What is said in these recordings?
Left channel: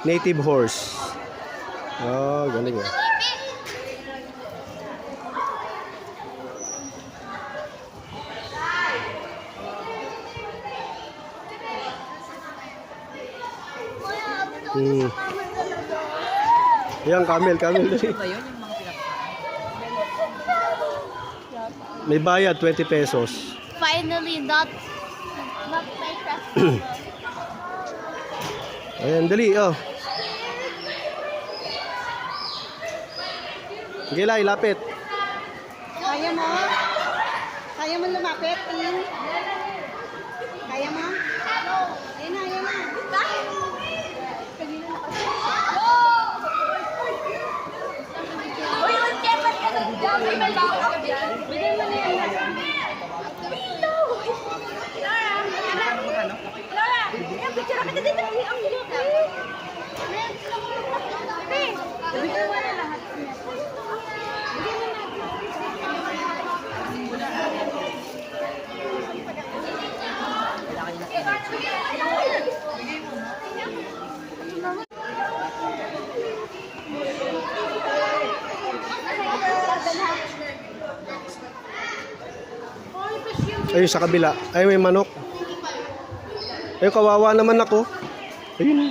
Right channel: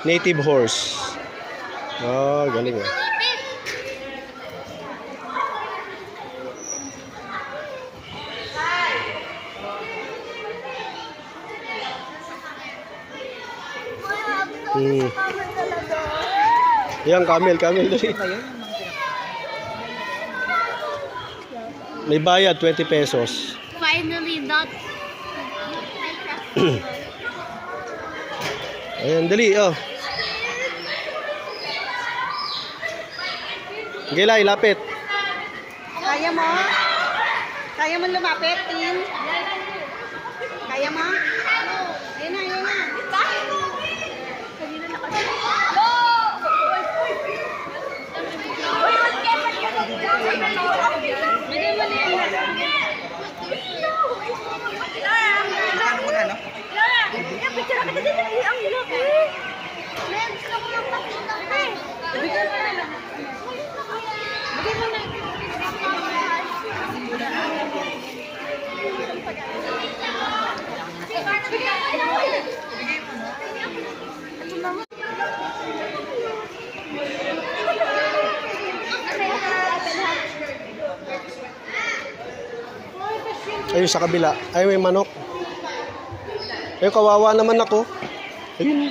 Native horse. Oh, galing ah. Yan, camel dali. May bayad 20 pesos. Finally, not my Ayan, dali, oh. Gilay, lapit. Kaya mo? Kaya mo lumapit, Tin? Kaya mo? Ayun na, ayun na. Kanina na kasi. Uy, mag-kepat ka na. Bigay mo na yan. Ano mo na, no? Picture ka na din. Ang hirap eh. Bigay mo na lahat. Bigay mo na. Ayun sa kabila. Ay, may manok. Ayun, kawawa naman ako. Ayun.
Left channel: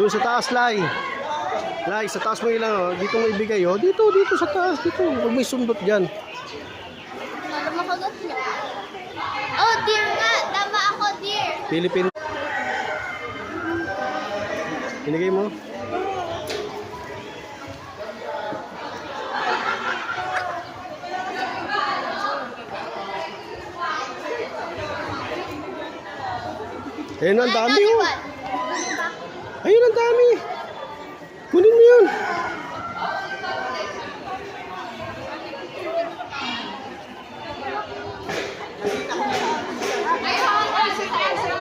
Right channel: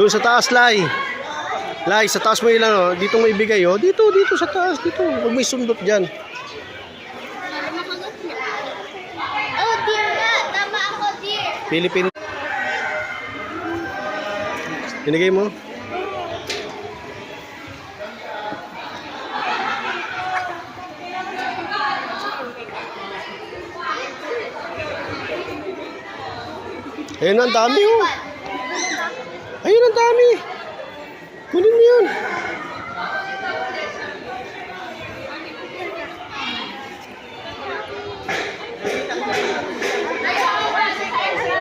Doon sa taas, Lai. Lai, sa taas mo ilang, oh. Dito mo ibigay, oh. Dito sa taas, dito. Huwag may sundot dyan. makagat na. Oh, dear nga. Tama ako, dear. Philippine. Binigay mo? Ayun, ang dami, oh. Ayun, ang dami. Kunin mo yun.